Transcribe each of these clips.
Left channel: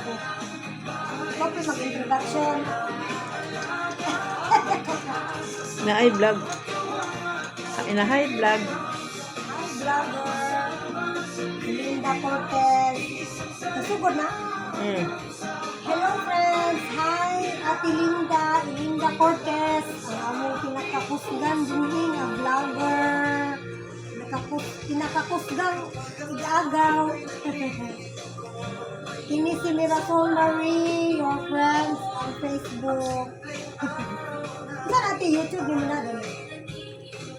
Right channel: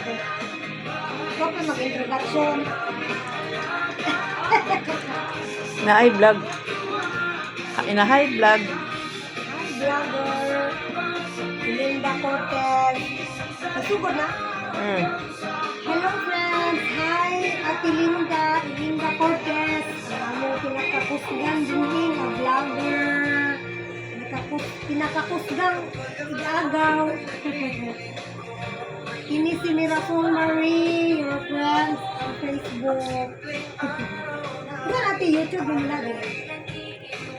ako. Ikaw pa mag-introduction. Na ay vlog. Ina hi vlog. Hi, vlogger. Linda Cortez. Nasugod na? Hello friends! Hi, Ate Linda. Linda Cortez. Ang among pinakakusgan din ang vlogger. Pinakakusgang igagaw. Ini si Miracle Marie, your friends on Facebook. Saan ate YouTube mo na din?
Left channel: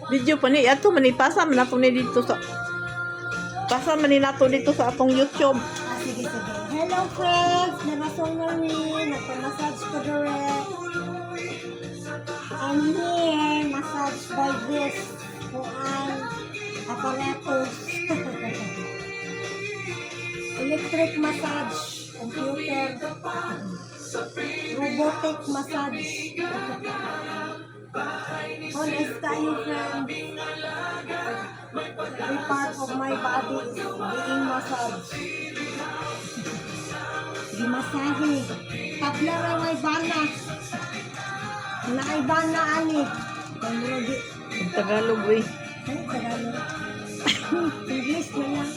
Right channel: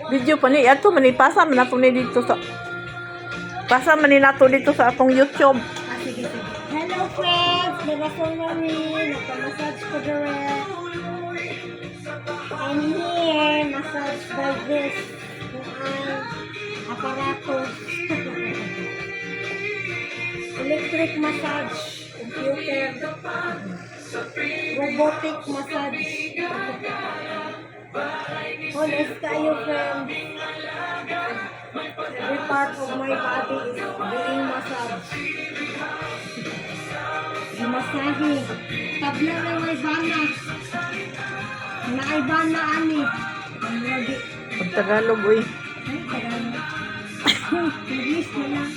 Video pa ni ato manipasa man nato ni dito sa pasa man ni nato dito sa atong YouTube. Sige, sige. Hello friends! Miracle Marie. Nagpa-massage ko direct. And here, massage by this. Kuan aparatus. Electric massage. Computer. Robotic massage. Honest kayo, friends. Every part of my body is being massaged. Gimasahe. Tabla ra may bana. Naibana ani. Pamragi. Pag Tagalog uy. Ay, Tagalog. English na lang.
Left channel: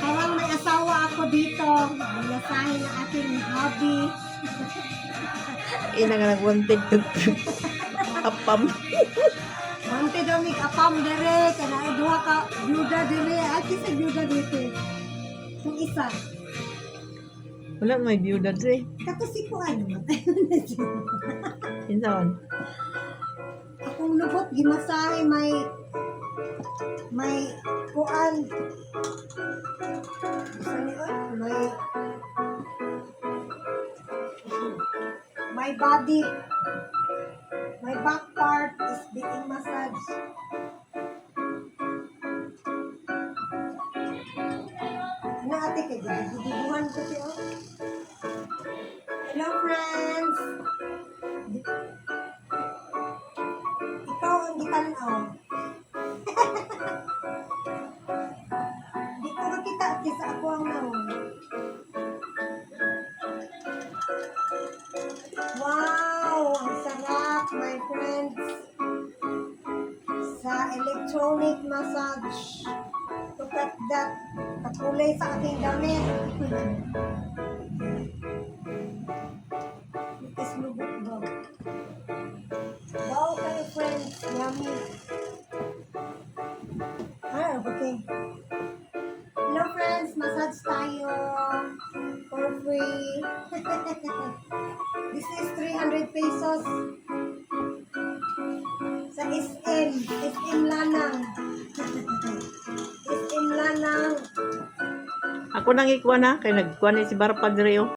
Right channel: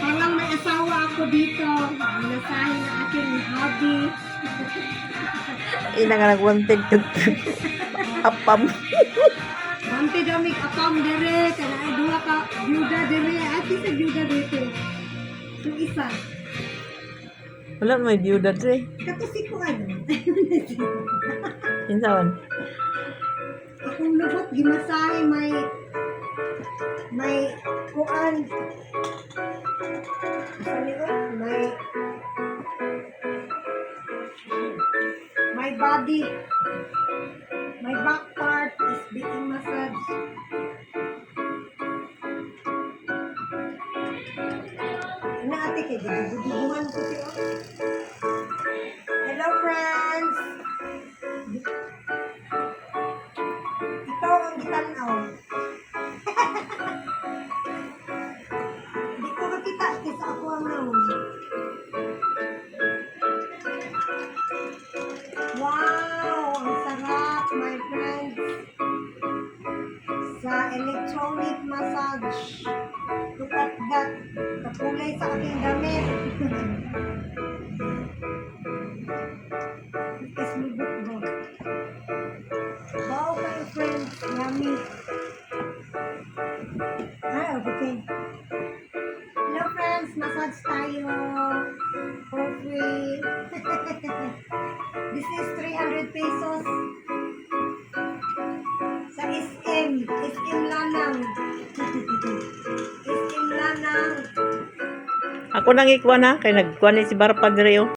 Parang may asawa ako dito. Binasahe na aking hobby. Ina nga nag-wanted to apam. Bante daw may apam dere. Kanay duha ka byuda dere. At isa byuda dito. Yung isa. Wala may byuda dre. Katusi ko ano. Kinsaon? Akong lubot gimasahe may kuan sa liot my body, my back part is being massaged. Ano ate kay dudubuhan ko siya. Hello friends. Ikaw ang gitanaw. Hindi ko makita kisa ako ang naon. Wow! Ang sarap, my friends. Sa electronic massage. Look at that. Kakulay sa aking damit. Ikas lubot ba? Wow kayo, friends. Yummy. Okay. Hello, friends. Massage tayo. For free. This is 300 pesos. Sa SM. SM Lanang. SM Lanang. Ako nang ikuha na kay nagkuha ni si Barpag dre oh.